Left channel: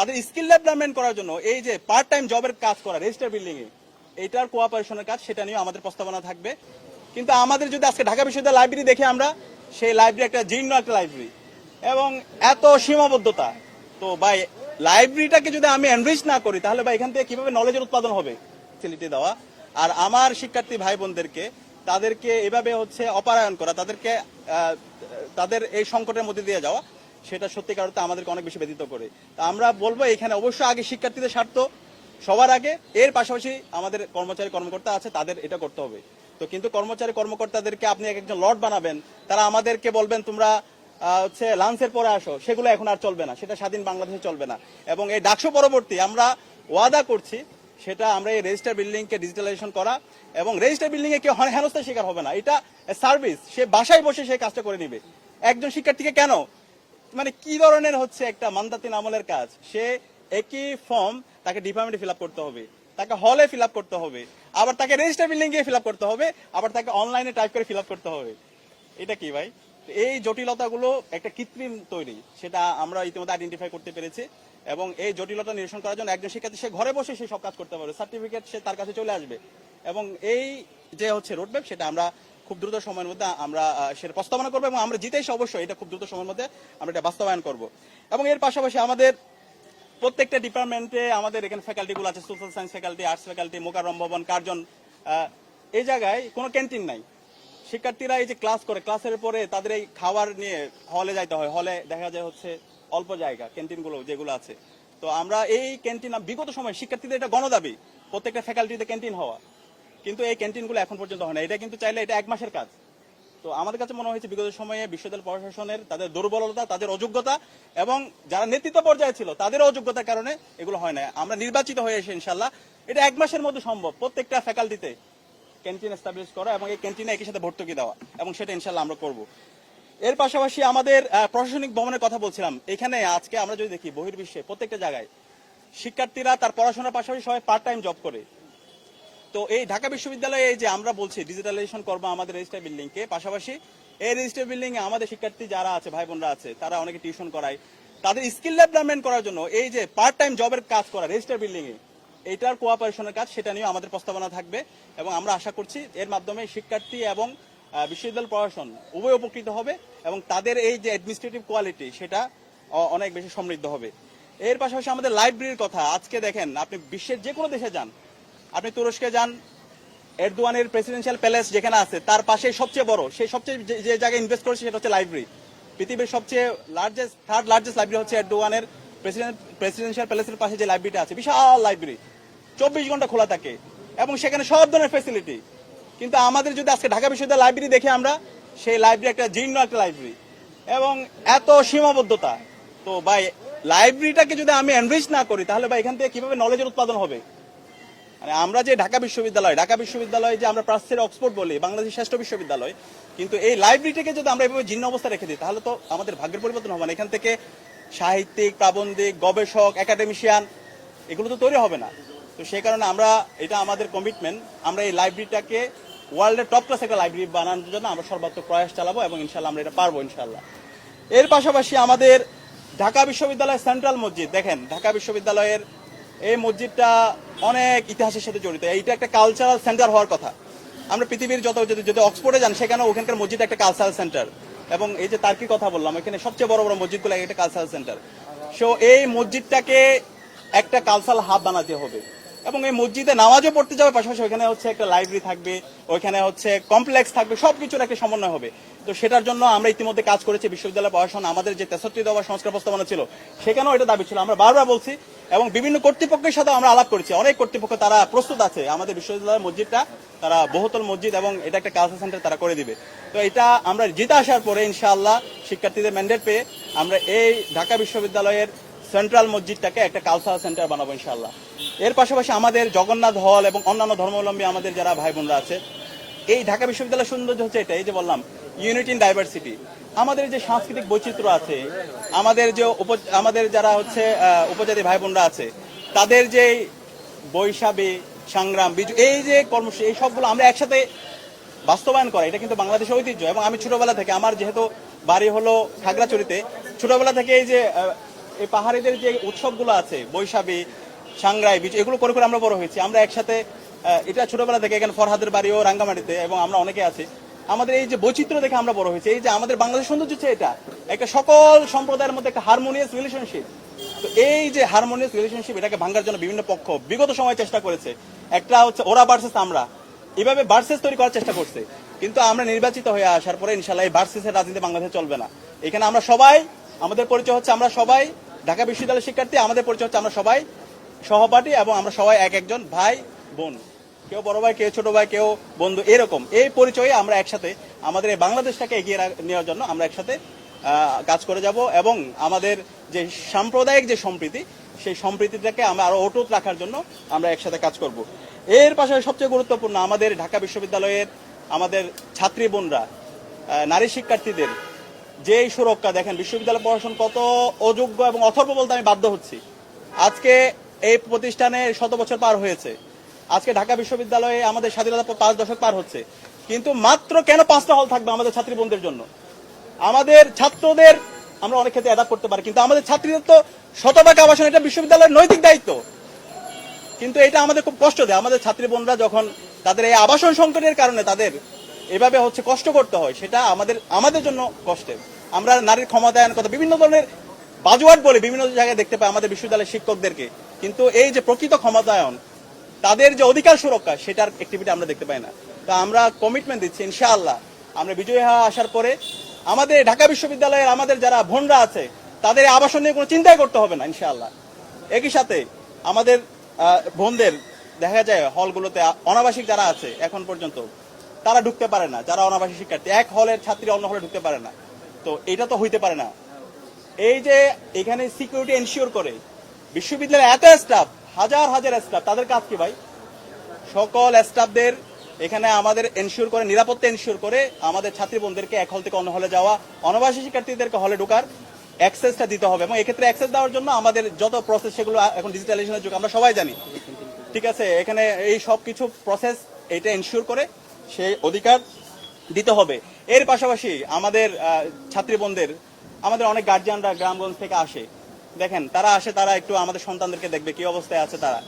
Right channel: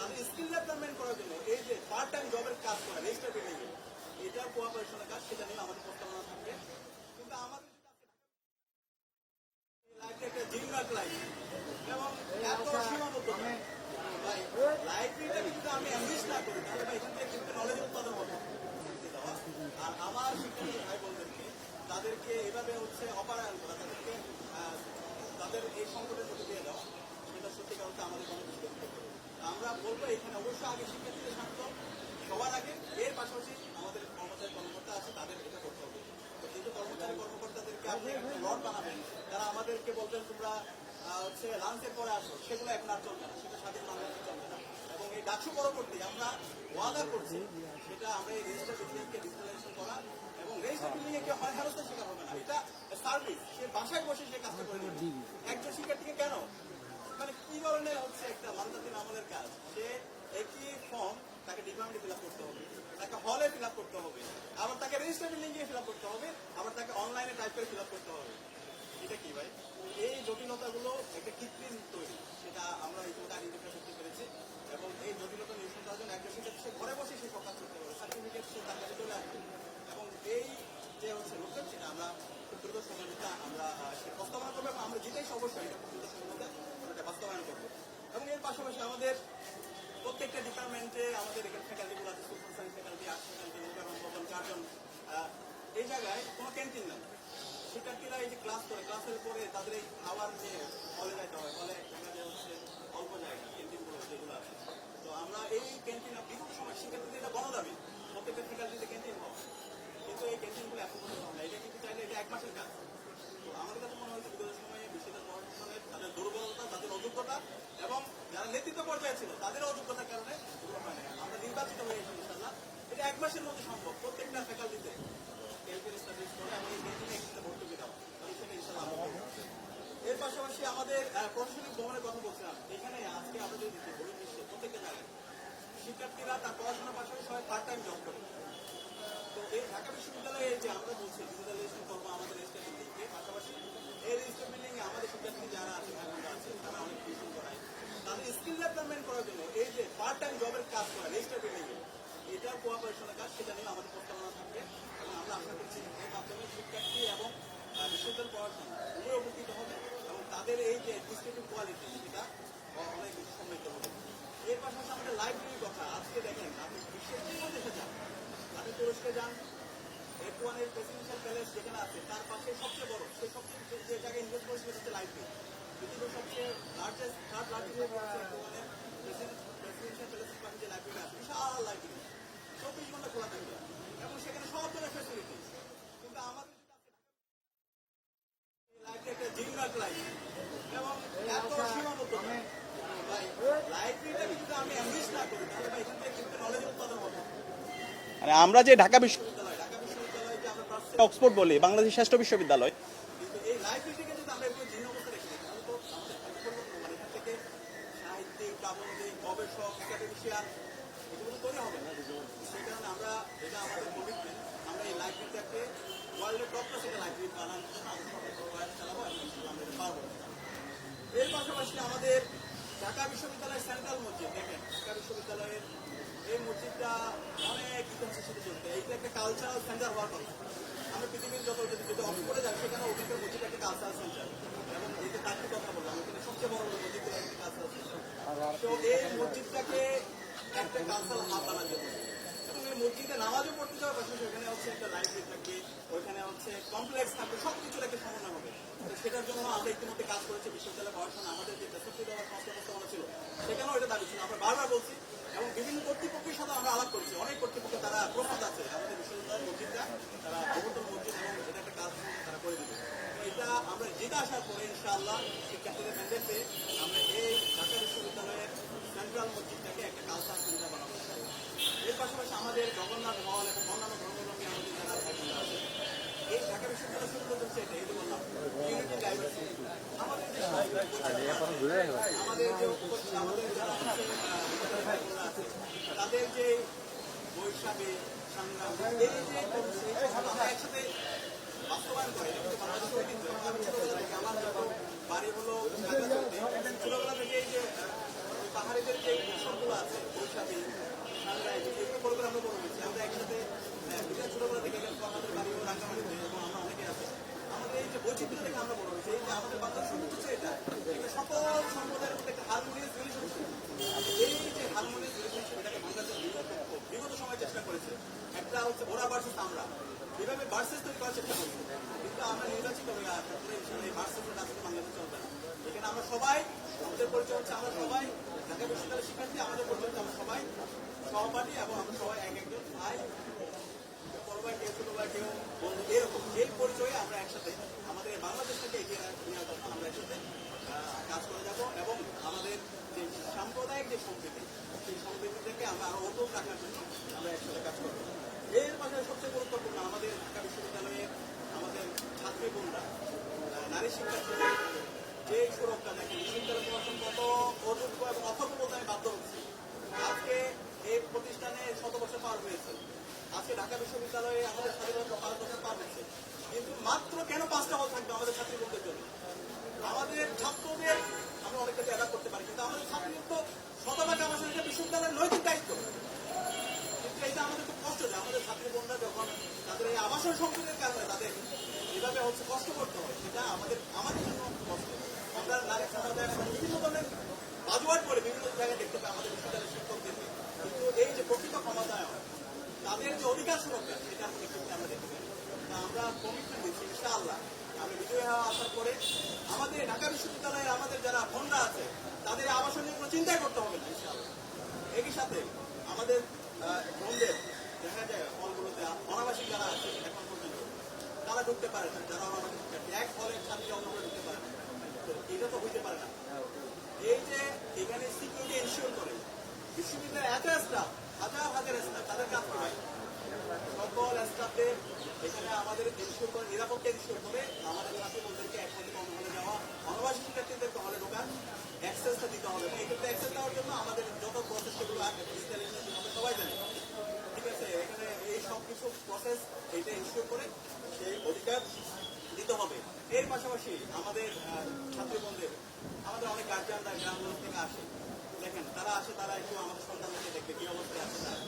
তাদের skill development করার জন্য এই যে পার্ট টাইম জবের কাজ করা রেজিস্টার বিল্ডিং এ এইটার কোঅপারেশনের কাজ, সেটা নিয়ে আমাদের প্রস্তাবনা থাকবে। কিন্তু আমাদের যদি আজকে ঢাকা বিশ্ববিদ্যালয় লাইব্রেরি দেখে আমরা, সেই লাইব্রেরি একটা জীর্ণ একটা লাইব্রেরি এবং এত সীমাবদ্ধতা, তো ভাই লাইব্রেরিটাকে যদি আমি এনরিচ না করি তাহলে ভাই এখান থেকে কিভাবে নলেজের উৎপাদন হবে? ফ্যাসিলিটি দেওয়া আর আমার শিক্ষার্থী ভাই বোনদেরকে তাদেরকে এভাবে অপরায়ণ করা, তাদেরকে তাদের এই সংকটের মধ্যে দিয়ে যাওয়া, সেটা সত্যিকার অর্থে আমাদেরকে অনেক বেশি ব্যথিত করে। আমরা বলবো এখানে অবশ্যই আগে শিক্ষার্থীদের স্বার্থ সবার আগে, এর পাশাপাশি আমাদের কর্মচারী কর্মকর্তা আছে তাদের এটা করতে হবে। তো কিন্তু কর্মচারী কর্মকর্তাদেরকে আপনি একজন লর্ড বানাবেন, তারা আমাদেরকে বলবেন তোমরা লাঞ্চের পরে আসো, সেগুলো এখন আর চলবে না, সেটা স্বাধীন বাংলাদেশে চলবে না। এবং এই ডাকসু পরবর্তী আমরা ওয়াদা করছি, সেটা আমরা এই রেজিস্টার বিল্ডিংকে ডিজিটালাইজেশন করা এবং রেজিস্টার বিল্ডিং এ কেউ হেনস্থার শিকার হবে না। এটা সার্ভিস, সে বাসায় বসে সেই কাজটা করে নিবে। একজন শিক্ষার্থীকে কেন মানে কি ধরনের একটা মান্দাতিন আমলের কাজ, সে একই ফর্ম তাকে ডিপার্টমেন্টে ফিল আপ করতে হবে, তাকে হলে ফিল আপ করতে হবে, আবার তাকে রেজিস্টার বিল্ডিং গিয়ে ফিল আপ করতে হবে, আবার তাকে অনলাইনে টাইপ করে ফিল আপ করতে হবে। এটা কি ভাই? এই জটিলতাগুলো একটা কৃত্রিম তৈরি, সেটা আমরা ইতিমধ্যে আইডেন্টিফাই করতে পেরেছি। এবং এই জটিলতা নিরসন করার জন্য একজন শিক্ষার্থী সে ঘরে বসে সে সব কাজ করতে পারবে, সার্টিফিকেট সে তার কাছে চলে আসবে। এবং এই যে রোডম্যাপ, সেটা আমরা খুব দ্রুত সময়ের মধ্যে আমরা সেটা প্রস্তাবনা করবো এবং আমরা জিতে এসে অবশ্যই এটা খুব দ্রুত সময়ের মধ্যে আমরা এটা বাস্তবায়ন করব। এবং এর পাশাপাশি আমাদের প্রত্যেকটা ডিপার্টমেন্টে আমাদের এখানে ফ্যাকাল্টিগুলো আছে, social science faculty, arts faculty, Mokarram Bhaban, Curzon, এই জায়গায় কোনো ক্যান্টিন নাই। শিক্ষার্থীরা এই যে ক্লাস করে, ক্লাসের পরে তাদের এই খাবার নিয়ে হলে যাইতে হয়, হলে দেখা যায় অল্প জায়গা ক্যান্টিনগুলো যেগুলো আছে। তো আমরা এই ক্যান্টিন বিগত সময় শিক্ষার্থীদের এটা গণদাবি প্রত্যেকটা ফ্যাকাল্টিতে ক্যান্টিন হওয়া, কিন্তু এই ক্যান্টিনগুলো এখন পর্যন্ত হয় না। এটা কিন্তু চাইলে এটা 1 মাসের কাজ। তো আমাদের কাছে মনে হয়েছে বিগত সময়ে বিশ্ববিদ্যালয় প্রশাসনের তাদের দুর্বলতা, তাদের অযোগ্যতা এবং যারা নেতৃত্ব পর্যায়ে ছিল তাদের অযোগ্যতার কারণে এগুলো হয় না। আমরা নির্বাচিত হয়ে এসে ইনশাল্লাহ এটা 1 মাসের মধ্যে সম্ভব প্রত্যেকটা ফ্যাকাল্টিতে ক্যান্টিন এস্টাবলিশ করা এবং এই ক্যান্টিনে একই সাথে ভর্তুকি দেওয়া, এবং সেটা ইনশাল্লাহ আমরা করব। এর পাশাপাশি আমাদের প্রশাসনিক ভবনের কথা বলছিলাম, এখানে আজকে আমরা যদি দেখি বহির্বিশ্বে প্রত্যেকটা জায়গায় শিক্ষার্থীরা তার পড়াশোনার পাশাপাশি সবাই পার্ট টাইম জব করে। তো এই ঢাকা বিশ্ববিদ্যালয়ে যে আমরা বলছি ডিজিটালাইজেশন করবো আমাদের রেজিস্টার বিল্ডিংকে, পাশাপাশি এই রেজিস্টার বিল্ডিং এ আমাদের শিক্ষার্থী যারা আছে, ভাই বোনরা আছে, তারা অনেকে টিউশন করায়, তাদের স্কিল ডেভেলপমেন্ট করার জন্য এই যে পার্ট টাইম জবের কাজ করা রেজিস্টার বিল্ডিং এ এইটার কোঅপারেশনের কাজ, সেটা নিয়ে আমাদের প্রস্তাবনা থাকবে। এবং আমরা আশা করছি এর মাধ্যমে শিক্ষার্থী এবং বিশ্ববিদ্যালয় প্রশাসন উভয় উপকৃত হবে এবং তাদের এই যে অ্যাডমিনিস্ট্রেটিভ কোয়ালিটি সেটা অনেক বেশি সমৃদ্ধ হবে। এর পাশাপাশি আমাদের লাইব্রেরির কথা, আজকে দেখেন আপনি বিশ্বের যে কোনো দেশে যান, আপনি তুরস্কে যান, এরদোয়ানের প্রেসিডেন্সিয়াল প্যালেস যেখানে আছে তার পাশে সবচেয়ে বড়, সেই সবচেয়ে যে জায়গায় ইনভেস্ট করেছে সেটা হচ্ছে লাইব্রেরি। পৃথিবীর সবচেয়ে থার্ড লার্জেস্ট লাইব্রেরি হচ্ছে এরদোয়ানের প্রেসিডেন্সিয়াল প্যালেসের পাশে যে লাইব্রেরিটা আছে, বিশাল লাইব্রেরি, 24 ঘন্টা খোলা থাকে এবং সেখানে সব ধরনের ফ্যাসিলিটি। কিন্তু আমাদের যদি আজকে ঢাকা বিশ্ববিদ্যালয় লাইব্রেরি দেখে আমরা, সেই লাইব্রেরি একটা জীর্ণ একটা লাইব্রেরি এবং এত সীমাবদ্ধতা, তো ভাই লাইব্রেরিটাকে যদি আমি এনরিচ না করি তাহলে ভাই এখান থেকে কিভাবে নলেজের উৎপাদন হবে? মানে আমরা যে ঢাকা বিশ্ববিদ্যালয় যে আমরা প্রাচ্যের অক্সফোর্ড বলি, বাংলাদেশের শ্রেষ্ঠ বিশ্ববিদ্যালয়, কিন্তু এই লাইব্রেরিটাকে যদি আমরা এভাবে জীর্ণ অবস্থা রেখে দিই তাহলে তো আমাদের ভাগ্যের পরিবর্তন হবে না। এখান থেকে সাহিত্যিক, প্রাবন্ধিক, গবেষক, একাডেমিশিয়ান এগুলো তো তৈরি হবে না। তো সেই কারণে এটা আমাদের কমিটমেন্ট, আমরা এই লাইব্রেরিটাকে ওয়ার্ল্ডের টপ ক্লাস একটা লাইব্রেরি বানানোর জন্য আমরা সর্বাত্মক প্রয়াস চালাবো এবং ইনশাল্লাহ আমরা এটা পারবো ইনশাল্লাহ। এর পাশাপাশি আমাদের ঢাকা বিশ্ববিদ্যালয়ের সেন্ট্রাল মসজিদ, দেখেন ঢাকা বিশ্ববিদ্যালয়ের এই মসজিদটা অনেক ইতিহাসের সাথে জড়িত, এইটা একটা কালচারাল সেন্টার হওয়ার কথা। আমরা পৃথিবীর যদি অক্সফোর্ডে যান, সেখানে ওখানকার মসজিদ একটা কালচারাল সেন্টার, এবং এই যে তার্কির কথা বললাম, এখানে সবচেয়ে বড় বড় মসজিদগুলো একটা কালচারাল সেন্টার। সো এই মসজিদটাকে একটা কালচারাল হাব বানাতে হবে এবং এই মসজিদে নামাজও পড়তে যাবে, পাশাপাশি ওইখানে একটা লাইব্রেরি থাকবে, ওইখানে কমপ্লেক্স থাকবে, সবকিছুর একটা সমন্বয় হবে। তো সেটার জন্য আমরা ইতিমধ্যে কাজ করেছি। বিশ্ববিদ্যালয় প্রশাসন আমাদের যে 63 দফা সংস্কার প্রস্তাবনা ছিল সেখানেও এটা দাবি ছিল, আমরা বারবার বলছি এবং বিভিন্ন কর্তৃপক্ষের সাথে আমরা আলাপ করেছি। অনেক কর্তৃপক্ষ তারা প্রস্তুত আছে আমাদের বিশ্ববিদ্যালয়ের মসজিদটা, তারা বহুতল মসজিদ এবং এটা একটা কালচার সেন্টার তারা করে দিবে। তো এটা আমরা জিতে আসার পরে ইনশাআল্লাহ শিক্ষার্থীদের ম্যান্ডেট পেয়ে আমরা এই ঢাকা বিশ্ববিদ্যালয়ের সেন্ট্রাল মসজিদটাকে একটা কালচারাল সেন্টার বানাবো ইনশাআল্লাহ। এর পাশাপাশি আমাদের জগন্নাথ হল এবং অন্যান্য ধর্মাবলম্বী আমাদের যারা ভাই বোনরা আছে, এই ঢাকা বিশ্ববিদ্যালয়ের সৌন্দর্য হচ্ছে এটা, এই যে বললাম ইউনিটি ইন ডাইভার্সিটি। আমাদের যে সাংস্কৃতিক বৈচিত্র্য আছে, আমাদের যারা উপজাতি ভাই বোনরা আছে, তাদের যে বৈশাখী সংগ্রাম, বিজু, এই যে কর্মসূচি, এই সবগুলো আমরা একসাথে বাস্তবায়ন করা, এটা কিন্তু বাংলাদেশের ঐতিহ্য। এবং আমি ছোটবেলা থেকে, আমার যেহেতু বাড়ি হলো খাগড়াছড়িতে, ছোটবেলা থেকে এই যে এই পাহাড়িদের যে উৎসবগুলো আছে, বৈশাখী, সাংগ্রাই, বিচ, এগুলো করে করে আমরা বড় হয়েছি। আমরা একসাথে এটা ছোটবেলা থেকে, এখানে ফরহাদের বাড়িও রাঙ্গামাটিতে, এবং আমরা অনেকে আছি। আমাদের এই যে বৈচিত্র্য দেখে আমরা বড় হয়েছি। এই যে আমাদের বাংলাদেশ সৌন্দর্য হচ্ছে এটা একটা সকল সম্প্রদায়ের মধ্যে একটা হারমোনিয়াস রিলেশনশিপ। তো এই যে হারমোনিয়াস রিলেশনশিপ, এটাকে ভাঙার জন্য বিভিন্ন পক্ষ বিগত সময় চেষ্টা করেছে। একটা হচ্ছে ওরা ভার্সেস আমরা, এইভাবে ভার্সেস তৈরি করার চেষ্টা করছে। কিন্তু আমরা নির্বাচিত হয়ে আসার পরে ইনশাল্লাহ এই ভার্সেসের রাজনীতি বাংলাদেশে চলবে না। এখানে আমরা সবাই, আমাদের পরিচয় হচ্ছে আমরা সবাই ঢাকা বিশ্ববিদ্যালয়ের শিক্ষার্থী, আমাদের পরিচয় হচ্ছে আমরা সবাই সহপাঠী, এবং আমরা সবাই এক একজন ভাই বোন, কেউ বড় ভাই, কেউ ছোট ভাই, কেউ বন্ধু, এরকম এই পরিচয়ে আমরা একসাথে আমাদের এই বাংলাদেশটাকে এগিয়ে নেওয়ার জন্য আমরা একসাথে কাজ করে যাব, এবং আমাদের যে সাম্প্রদায়িক যে সম্প্রীতি, সেই সম্প্রীতিটাকে আমরা আরো অটুট রাখার জন্য আমরা একসাথে কাজ করব। এর পাশাপাশি সবচেয়ে গুরুত্বপূর্ণ, আমাদের ঢাকা বিশ্ববিদ্যালয়ের আমাদের ছাত্রী বোনরা, নারী শিক্ষার্থীদের যে সুরক্ষা, দেখেন বিশ্ববিদ্যালয় প্রশাসন কত অযোগ্য এবং অথর্ব বলতে আমি বাধ্য হচ্ছি। আজকে এই প্রতিষ্ঠানে 100 বছর পার হয়েছে, আজকে ঢাকা বিশ্ববিদ্যালয়ে আমাদের স্বাধীনতা 5 দশক পার হচ্ছে, কিন্তু মাত্র কেন 5টা হল থাকবে আমাদের ছাত্রী বোনদের জন্য? আমাদের ছাত্রদের আমরা অনেক ক্ষেত্রে অ্যাডাপ্ট করতে পারি, কিন্তু আমাদের ছাত্রীদের তো শতভাগ আবাসন, এটা বিশ্ববিদ্যালয়ের নৈতিক দায়িত্ব। কিন্তু এটা আমাদের খুব কষ্ট দেয়। আমাদের ছাত্রী বোনরা যখন তাদের এই আবাসন সংকটের কারণে তাদের এভাবে হচ্ছে কষ্ট করতে হয়, সেটা আমাদের জন্য কষ্টের। আমরা নারীর ক্ষমতায়ন কথা বিভিন্ন ধরনের বাজুয়াট বলে বিভিন্ন জায়গায় দেখতে পাই আমাদের বিশ্ববিদ্যালয়ের শিক্ষকদেরকে, কিন্তু এই যে প্রকৃত ক্ষমতায়ন, তাদের যে অধিকার সুরক্ষা, সেটার অ্যাক্টিভিটি আমরা দেখতে পাই না। তো আমরা কমিটমেন্ট দিচ্ছি, ইনশাআল্লাহ আমরা বিজয়ী হয়ে আসার পরে আমাদের ঢাকা বিশ্ববিদ্যালয়ের আমাদের যারা বোনরা আছে, তাদের আবাসন নিয়ে কোনো চিন্তাই করতে হবে না ইনশাআল্লাহ। একই সাথে আমাদের বোনদের দেখা যায় হলগুলোতে অনাবাসিক যারা আছে এখন পর্যন্ত তারা ঢুকতে পারে না, যারা অনাবাসিক শিক্ষার্থী, এক হলের ছাত্রী অন্য হলে ঢুকতে পারে না। তো এটা তো হইতে পারে না। এই যে এখানে সিকিউরিটি এনশিওর করে বিশ্ববিদ্যালয়ের এত স্টাফ, হাজার হাজার স্টাফ, তাদের কাজ কি ভাই? সকল স্টাফদের এখানে আমাদের এনশিওর করে, নিরাপত্তা এনশিওর করে আমাদের ছাত্রী বোনদেরকে এক হল থেকে অন্য হলে যাওয়া, অনাবাসী শিক্ষার্থীদেরকে হলে ঢোকার অ্যাক্সেসটা দিতে হবে, এবং এক্ষেত্রে অ্যাক্সেস দেওয়ার জন্য আমাদের যত প্রসেস, সেগুলো এখন ডিজিটালাইজেশনের যুগ, আমরা সবাই জানি। ঠিক আছে, এখানে এই সব কিছু প্রসেস এটা এনশিওর করে সেই অধিকার দিতে হবে। এর পাশাপাশি আমাদের ছাত্রী বোনদের, আমাদের অনেক গার্জিয়ানরা গ্রামগঞ্জ থেকে আসে, দেখেন তারা আসে, তারা একটু আমাদের সন্তানদেরকে দেখবে কি অবস্থায় আছে তারা,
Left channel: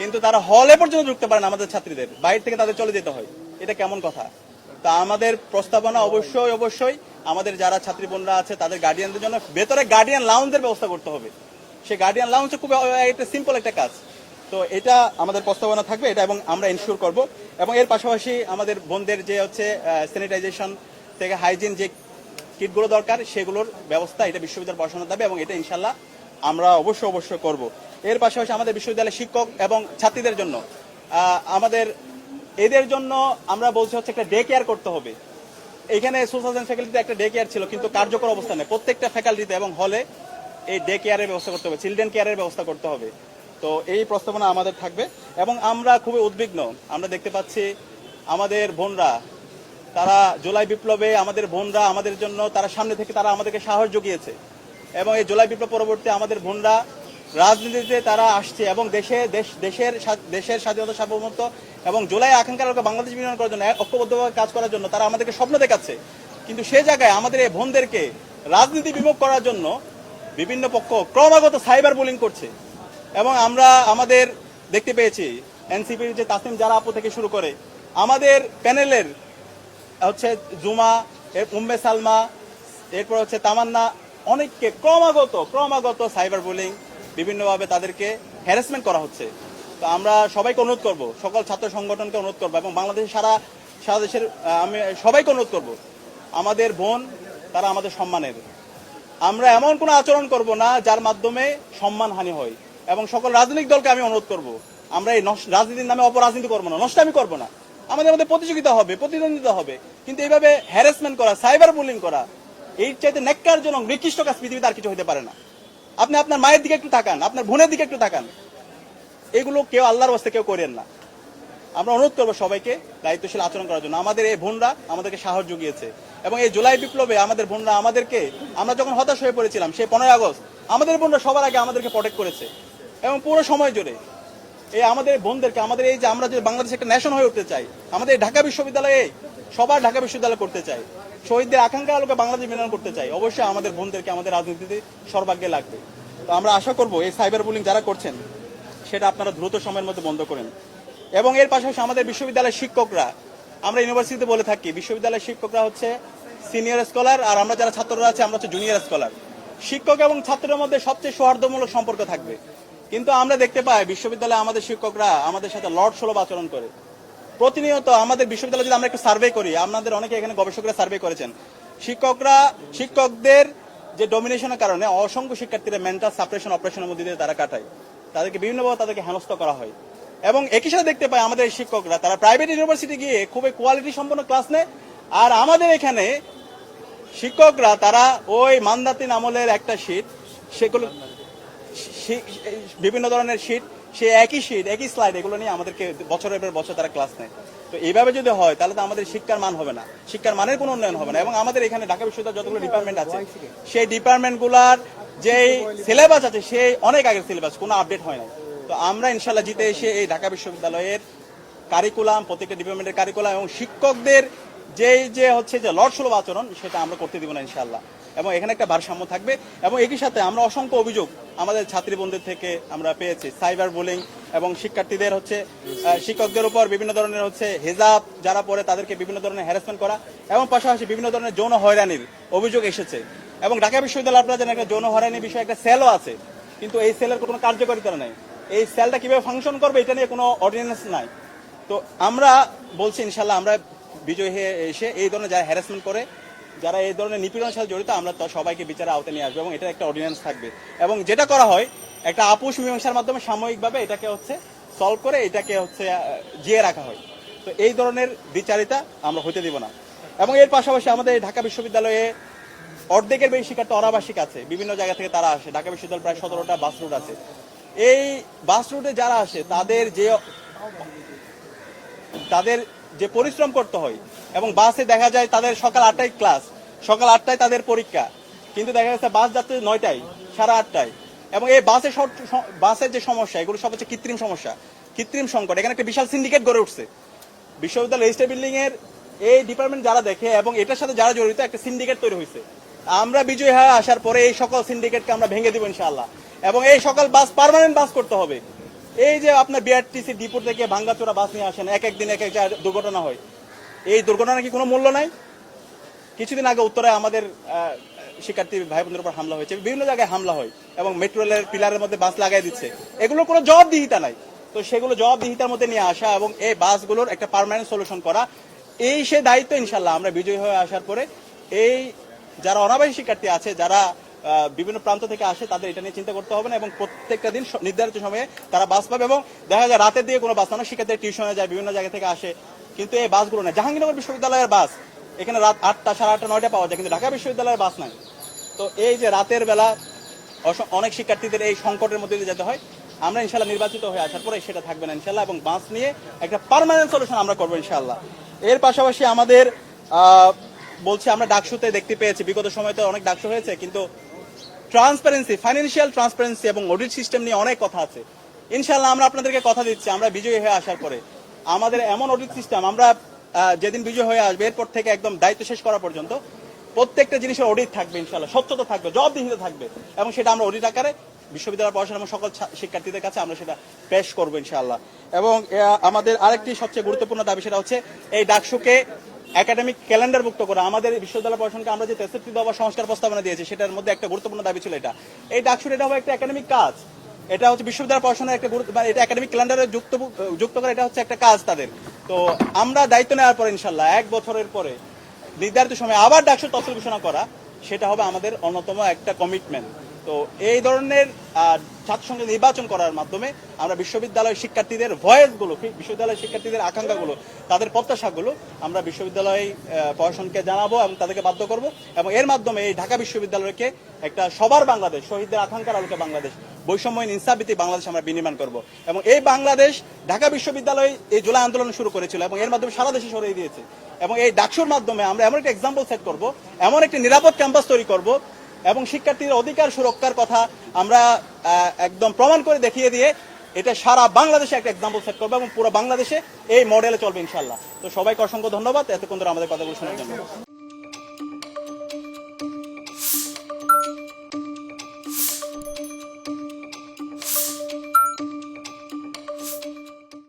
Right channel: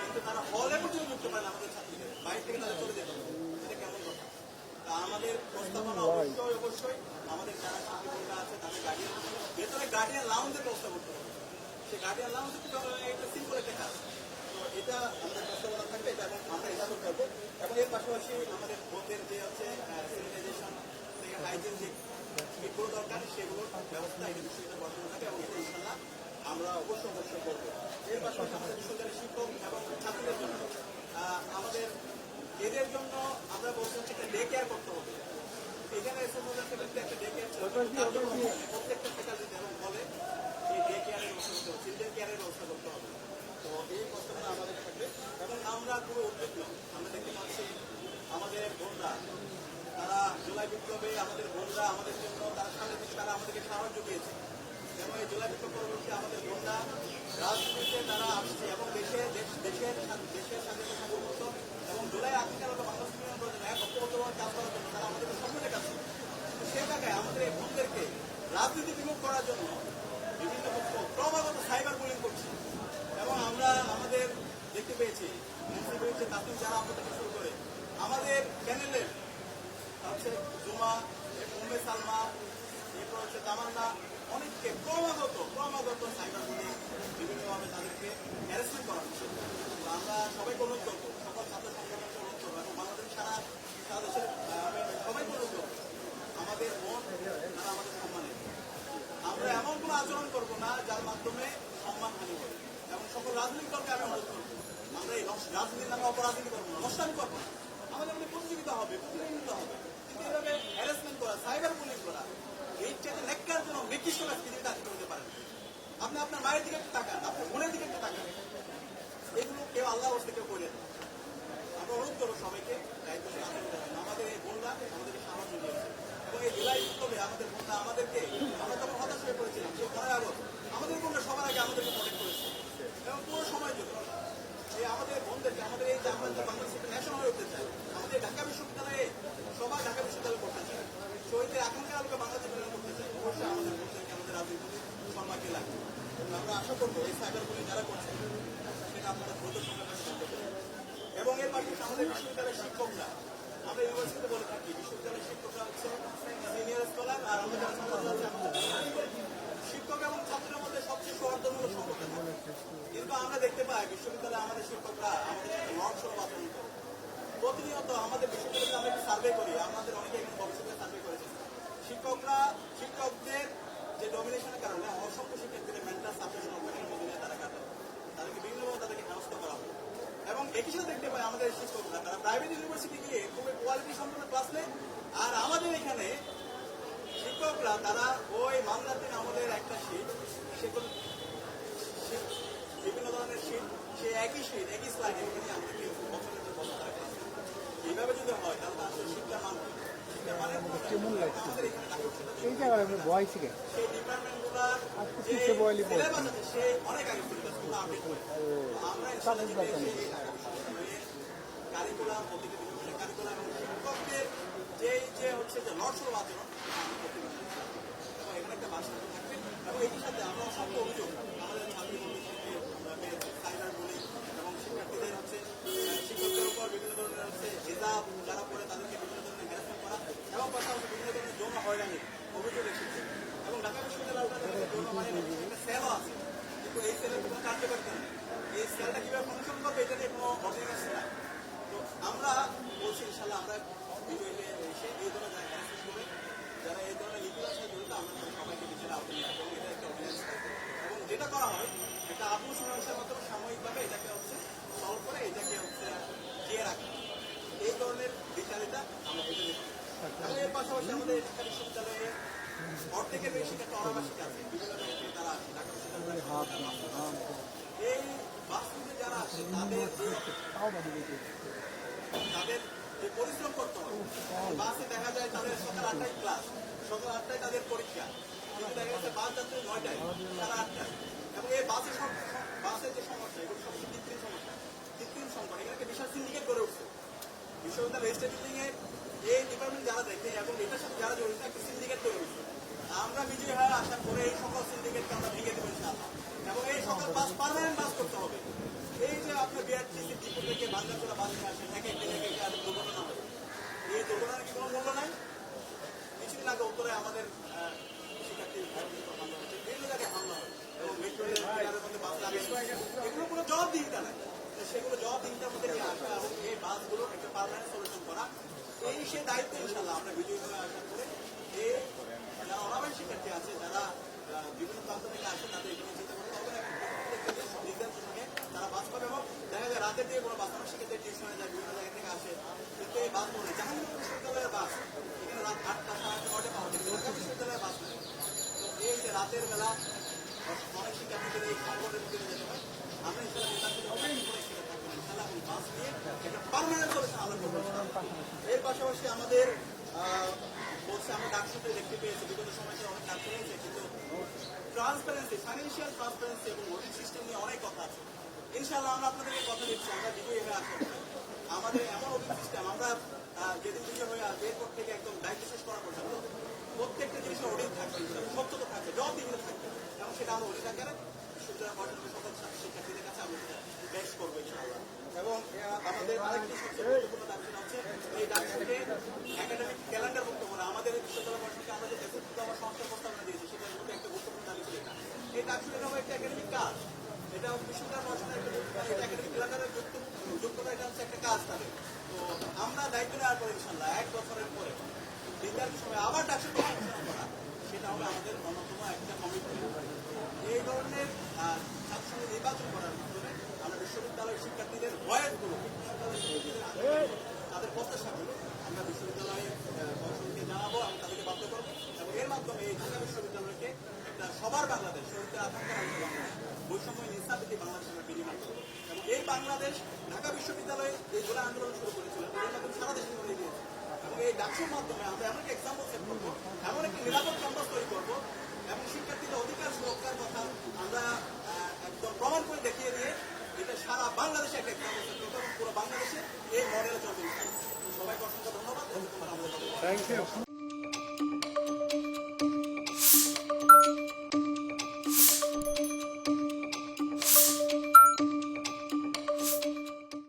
কিন্তু তারা হলে পর্যন্ত ঢুকতে পারে না। আমাদের ছাত্রীদের বাইরে থেকে তাদের চলে যেতে হয়, এটা কেমন কথা? তা আমাদের প্রস্তাবনা অবশ্যই অবশ্যই আমাদের যারা ছাত্রী বোনরা আছে তাদের গার্ডিয়ানদের জন্য ভেতরে গার্ডিয়ান লাউঞ্জের ব্যবস্থা করতে হবে। সেই গার্ডিয়ান লাউঞ্জ খুব একটা সিম্পল একটা কাজ। তো এটা আমাদের প্রস্তাবনা থাকবে এটা, এবং আমরা এনশিওর করব। এবং এর পাশাপাশি আমাদের বোনদের যে হচ্ছে স্যানিটাইজেশন থেকে হাইজিন যে কিটগুলো দরকার, সেগুলোর ব্যবস্থা এটা বিশ্ববিদ্যালয় পড়াশোনা দেবে, এবং এটা ইনশাল্লাহ আমরা অবশ্যই করব। এর পাশাপাশি আমাদের বিশ্ববিদ্যালয়ের শিক্ষক এবং ছাত্রীদের জন্য আমাদের এদের জন্য আমরা বলছি হচ্ছে একটা ডে কেয়ার করতে হবে। এখানে সোশ্যাল সায়েন্স ফ্যাকাল্টিতে একটা ডে কেয়ার ছিল, কিন্তু কার্যকর অবস্থা নেই। প্রত্যেকটা ফ্যাকাল্টিতে এবং হলে এই ডে কেয়ারের ব্যবস্থা করতে হবে, চিলড্রেন কেয়ারের ব্যবস্থা করতে হবে। তো এই প্রস্তাবনা আমাদের থাকবে, এবং আমরা খুবই উদ্বিগ্ন। আমরা দেখতে পাচ্ছি আমাদের বোনরা, তারা জুলাই বিপ্লবে আমাদের বোনরা আমাদের জন্য, তারা সামনে থেকে তারা আমাদেরকে সাহস জুগিয়েছে, এবং এই জুলাই বিপ্লব পরবর্তী আমাদের বোনরা রাজনীতিতে তারা আসছে, এবং দেশের স্বাধীনতা সার্বভৌমত্ব এবং জুলাই আকাঙ্ক্ষার বাংলাদেশ বিনিয়োগ করার জন্য, ঐক্যবদ্ধভাবে কাজ করার জন্য তারা আমাদেরকে স্বপ্ন দেখাচ্ছে। কিন্তু সে জায়গায় আমাদের এই বোনদেরকে রাজনীতি বিমুখ করার জন্য বিভিন্ন পক্ষ ক্রমাগত সাইবার বুলিং করছে। এবং আমরা আমাদের দেখতে পেয়েছি এনসিপির যে তাসিম জারা আপু থেকে শুরু করে আমাদের প্যানেলের হচ্ছে জুমা, উম্মে সালমা, এরপর হচ্ছে তামান্না, অনেককে ক্রমাগত সাইবার বুলিং, বিভিন্নভাবে তাদেরকে হ্যারাসমেন্ট করা হচ্ছে। তো আমরা সবাইকে অনুরোধ করব, সকল ছাত্র সংগঠনকে অনুরোধ করবো, এবং বাংলাদেশের সারা দেশের আমি সবাইকে অনুরোধ করব, আমাদের বোন তারা আমাদের সম্মানের। আমরা এমন কোনো আচরণ করব না যার মাধ্যমে সম্মানহানি হয়, এবং সকল রাজনৈতিক দলকে আমি অনুরোধ করব, আমরা এই রাজনীতির নামে অপরাজনীতি করবো না, নষ্টামি করবো না। আমাদের মধ্যে প্রতিযোগিতা হবে, প্রতিদ্বন্দ্বিতা হবে, কিন্তু এইভাবে হ্যারাসমেন্ট করা, সাইবার বুলিং করা, এই চাইতে ন্যাক্কারজনক নিকৃষ্ট কাজ পৃথিবীতে আর কিছু হতে পারে না। আপনি আপনার মায়ের দিকে একটু তাকান, আপনার বোনের দিকে একটু তাকান, এগুলো কেউ আল্লাহর বাস্তে কেউ করেন না। আমরা অনুরোধ করবো সবাইকে দায়িত্বশীল আচরণ করার জন্য। আমাদের এই বোনরা আমাদেরকে সাহস জুগিয়েছে, এবং এই জুলাই বিপ্লবে আমাদের বোনরা আমাদেরকে, আমরা যখন হতাশ হয়ে পড়েছিলাম সেই 15 আগস্ট, আমাদের বোনরা সবার আগে আমাদেরকে প্রটেক্ট করেছে, এবং পুরো সময় জুড়ে এই আমাদের বোনদেরকে, আমাদের এই যে আমরা যে বাংলাদেশ একটা ন্যাশন হয়ে উঠতে চাই, আমাদের ঢাকা বিশ্ববিদ্যালয়ে সবার ঢাকা বিশ্ববিদ্যালয় করতে চাই, শহীদদের আকাঙ্ক্ষা আলোকে বাংলাদেশ বিনিয়োগ করতে চাই, অবশ্যই আমাদের বোনদেরকে আমাদের রাজনীতিতে সর্বাগ্যে লাগবে। তো আমরা আশা করব এই সাইবার বুলিং যারা করছেন সেটা আপনারা দ্রুত সময়ের মধ্যে বন্ধ করেন। এবং এর পাশাপাশি আমাদের বিশ্ববিদ্যালয়ের শিক্ষকরা, আমরা ইউনিভার্সিটিতে বলে থাকি বিশ্ববিদ্যালয়ের শিক্ষকরা হচ্ছে সিনিয়র স্কলার, আর আমরা যারা ছাত্ররা আছি আমরা হচ্ছে জুনিয়র স্কলার। শিক্ষক এবং ছাত্রের মধ্যে সবচেয়ে সৌহার্দ্যমূলক সম্পর্ক থাকবে, কিন্তু আমরা দেখতে পাই বিশ্ববিদ্যালয়ে আমাদের শিক্ষকরা আমাদের সাথে লর্ড সুলভ আচরণ করে। প্রতিনিয়ত আমাদের বিশ্ববিদ্যালয়ে যদি আমরা একটু সার্ভে করি, আপনাদের অনেকে এখানে গবেষকরা সার্ভে করেছেন, শিক্ষকদের যে ডমিনেশনের কারণে অসংখ্য শিক্ষার্থীরা মেন্টাল সাপ্রেশন অপারেশনের মধ্যে দিয়ে তারা কাটায়, তাদেরকে বিভিন্নভাবে তাদেরকে হেনস্থ করা হয়। এবং একই সাথে দেখতে পাই আমাদের শিক্ষকরা তারা প্রাইভেট ইউনিভার্সিটি গিয়ে খুবই কোয়ালিটি সম্পন্ন ক্লাস নেয়, আর আমাদের এখানে শিক্ষকরা তারা ওই মান্দাতিন আমলের একটা শীট, সেগুলো বিভিন্ন ধরনের শীট, সে একই শীট একই স্লাইড এগুলো নিয়ে আমাদেরকে বছরের পর বছর তারা ক্লাস নেয়। তো এইভাবে যদি হয় তাহলে তো আমাদের শিক্ষার মান হবে না, শিক্ষার মানের কোনো উন্নয়ন হবে না। এবং আমাদের এখানে ঢাকা বিশ্ববিদ্যালয় যতগুলো ডিপার্টমেন্ট আছে সেই ডিপার্টমেন্টগুলোর যে সিলেবাস আছে সেই অনেক আগের সিলেবাস, কোনো আপডেট হয় না। তো আমরা ইনশাল্লাহ জিতে এসে এই ঢাকা বিশ্ববিদ্যালয়ের কারিকুলাম, প্রত্যেকটা ডিপার্টমেন্টের কারিকুলাম এবং শিক্ষকদের যে হচ্ছে যে লর্ড সুলভ আচরণ, সেটা আমরা করতে দিব না ইনশাল্লাহ। এবং এখানে একটা ভারসাম্য থাকবে। এবং একই সাথে আমরা অসংখ্য অভিযোগ আমাদের ছাত্রীবন্ধুদের থেকে আমরা পেয়েছি, সাইবার বুলিং এবং শিক্ষার্থীদের হচ্ছে শিক্ষকদের উপর বিভিন্ন ধরনের হচ্ছে হেজাব যারা পড়ে তাদেরকে বিভিন্ন ধরনের হ্যারাসমেন্ট করা, এবং পাশাপাশি বিভিন্ন ধরনের যৌন হয়রানির অভিযোগ এসেছে। এবং ঢাকা বিশ্ববিদ্যালয় আপনারা জানেন একটা যৌন হয়রানির বিষয়ে একটা সেলও আছে, কিন্তু এই সেলের কোনো কার্যকারিতা নেই। এই সেলটা কিভাবে ফাংশন করবে এটা নিয়ে কোনো অর্ডিন্যান্স নাই। তো আমরা বলছি ইনশাল্লাহ আমরা বিজয় হয়ে এসে এই ধরনের যারা হ্যারাসমেন্ট করে, যারা এই ধরনের নিপীড়নের সাথে জড়িত, আমরা সবাইকে বিচারে আওতায় নিয়ে আসবো এবং এটার একটা অর্ডিন্যান্স থাকবে। এবং যেটা করা হয় একটা আপোষ মীমাংসার মাধ্যমে সাময়িকভাবে এটাকে হচ্ছে সলভ করে এটাকে হচ্ছে জিয়ে রাখা হয়। তো এই ধরনের বিচারিতা আমরা হতে দিব না। এবং এর পাশাপাশি আমাদের ঢাকা বিশ্ববিদ্যালয়ে অর্ধেকের বেশি শিক্ষার্থী অনাবাসিক আছে, বিভিন্ন জায়গা থেকে তারা আসে। ঢাকা বিশ্ববিদ্যালয় প্রায় 17টা বাস রুট আছে। এই বাস রুটে যারা আসে তাদের যে পরিশ্রম করতে হয়, এবং বাসে দেখা যায় তাদের সকাল 8টায় ক্লাস, সকাল 8টায় তাদের পরীক্ষা, কিন্তু দেখা যাচ্ছে বাস যাচ্ছে 9টায়, 8:30টায়। এবং এই বাসের যে সমস্যা, এগুলো সব হচ্ছে কৃত্রিম সমস্যা, কৃত্রিম সংকট। এখানে একটা বিশাল সিন্ডিকেট গড়ে উঠছে বিশ্ববিদ্যালয় রেজিস্ট্রার বিল্ডিং এর এই ডিপার্টমেন্ট যারা দেখে এবং এটার সাথে যারা জড়িত, একটা সিন্ডিকেট তৈরি হয়েছে। আমরা বিজয় হয়ে আসার পরে এই সকল সিন্ডিকেটকে আমরা ভেঙে দিব ইনশাআল্লাহ। এবং এই সকল বাস পার্মানেন্ট বাস করতে হবে। এই যে আপনার বিআরটিসি ডিপো থেকে ভাঙ্গাচোরা বাস নিয়ে আসেন, এক একদিন এক এক দুর্ঘটনা হয়। এই দুর্ঘটনা কি কোনো মূল্য নাই? কিছুদিন আগে উত্তরায় আমাদের শিক্ষার্থী ভাই বোনদের উপর হামলা হয়েছে, বিভিন্ন জায়গায় হামলা হয় এবং মেট্রো রেলের পিলারের মধ্যে বাস লাগাই দিচ্ছে। এগুলো কোনো জবাবদিহিতা নাই। তো সেগুলো জবাবদিহিতার মধ্যে নিয়ে আসা এবং এই বাসগুলোর একটা পার্মানেন্ট সলিউশন করা, এই সে দায়িত্ব ইনশাল্লাহ আমরা বিজয়ী হয়ে আসার পরে এই যারা অনাবাসী শিক্ষার্থী আছে, যারা বিভিন্ন প্রান্ত থেকে আসে, তাদের এটা নিয়ে চিন্তা করতে হবে না। এবং প্রত্যেকটা দিন নির্ধারিত সময়ে তারা বাস পাবে। এবং দেখা যায় রাতের দিকে কোনো বাস না, শিক্ষার্থীরা টিউশনে যায়, বিভিন্ন জায়গা থেকে আসে, কিন্তু এই বাসগুলো না। জাহাঙ্গীরনগর বিশ্ববিদ্যালয়ের বাস এখানে রাত 8টা, 8:30, 9টা পাওয়া যায়, কিন্তু ঢাকা বিশ্ববিদ্যালয়ের বাস নাই। তো এই যে রাতের বেলা অনেক শিক্ষার্থীদের এই সংকটের মধ্যে দিয়ে যেতে হয়, আমরা ইনশাল্লাহ নির্বাচিত হয়ে আসার পরে সেটা থাকবে না ইনশাল্লাহ। এবং বাস নিয়ে একটা পার্মানেন্ট সলিউশন আমরা করবো ইনশাল্লাহ। এর পাশাপাশি আমাদের বলছি আমরা ডাকসুতে দেখতে পেয়েছি, বিগত সময় তো অনেক ডাকসু হয়েছে, কিন্তু ট্রান্সপারেন্সি, ফাইন্যান্সিয়াল ট্রান্সপারেন্সি এবং অডিট সিস্টেম নিয়ে অনেক কথা আছে। ইনশাল্লাহ আমরা আপনাদেরকে কথা দিচ্ছি, আমরা বিজয়ী হয়ে আসার পরে আমাদের এমন অডিট সিস্টেম, আমরা যেদিন বিজয় হয়ে আসবে এরপর থেকে একদম দায়িত্ব শেষ করা পর্যন্ত প্রত্যেকটা জিনিসের অডিট থাকবে ইনশাল্লাহ, স্বচ্ছতা থাকবে, জবাবদিহিতা থাকবে। এবং সেটা আমরা অডিট আকারে বিশ্ববিদ্যালয় পড়াশোনা এবং সকল শিক্ষার্থীদের কাছে আমরা সেটা পেশ করবো ইনশাআল্লাহ। এবং আমাদের আরেকটি সবচেয়ে গুরুত্বপূর্ণ দাবি, সেটা হচ্ছে এই ডাকসুকে একাডেমিক ক্যালেন্ডার মুক্ত করা। আমাদের বিশ্ববিদ্যালয় পড়াশোনাকে আমরা যে প্রেসক্রিপ্টিভ বা সংস্কার প্রস্তাবনা দিয়েছি সেটার মধ্যে একটা গুরুত্বপূর্ণ দাবি ছিল এটা। এই ডাকসুর এটা হবে একটা একাডেমিক কাজ, এটা হচ্ছে বিশ্ববিদ্যালয় পড়াশোনার একটা এটা একাডেমিক ক্যালেন্ডারে যুক্ত করে, এটা হচ্ছে একটা কাজ তাদের। তো আমরা দায়িত্ব নেওয়ার পরে ইনশাল্লাহ 1 বছরের পরে নির্ধারিত সময় আবার ডাকসুর তথ্য ঘোষণা করা, সেটা হবে আমাদের অন্যতম একটা কমিটমেন্ট। তো এই ধরনের ছাত্র সংসদ নির্বাচন করার মাধ্যমে আমরা বিশ্ববিদ্যালয়ের শিক্ষার্থীদের ভয়েসগুলো, বিশ্ববিদ্যালয়ের শিক্ষার্থীদের আকাঙ্ক্ষাগুলো, তাদের প্রত্যাশাগুলো আমরা বিশ্ববিদ্যালয় প্রশাসনকে জানাবো এবং তাদেরকে বাধ্য করব। এবং এর মাধ্যমে এই ঢাকা বিশ্ববিদ্যালয়কে একটা সবার বাংলাদেশ, শহীদদের আকাঙ্ক্ষার আলোকে বাংলাদেশ, বৈষম্যহীন ইনসাফভিত্তিক বাংলাদেশ আমরা বিনির্মাণ করব। এবং এই বাংলাদেশ ঢাকা বিশ্ববিদ্যালয় এই জুলাই আন্দোলন শুরু করেছিল এবং এর মাধ্যমে সারা দেশে ছড়িয়ে দিয়েছে। এবং এই ডাকসুর মাধ্যমে আমরা এমন একটা এক্সাম্পল সেট করব, এমন একটি নিরাপদ ক্যাম্পাস তৈরি করব এবং শিক্ষার্থীদের অধিকার সুরক্ষার কথা আমরা একদম প্রমাণ করে দেখিয়ে দিয়ে এটা সারা বাংলাদেশে একটা এক্সাম্পল সেট করবো এবং পুরো বাংলাদেশে এই মডেলে চলবে ইনশাল্লাহ। তো সবাইকে অসংখ্য ধন্যবাদ এতক্ষণ ধরে আমাদের কথা বলছেন।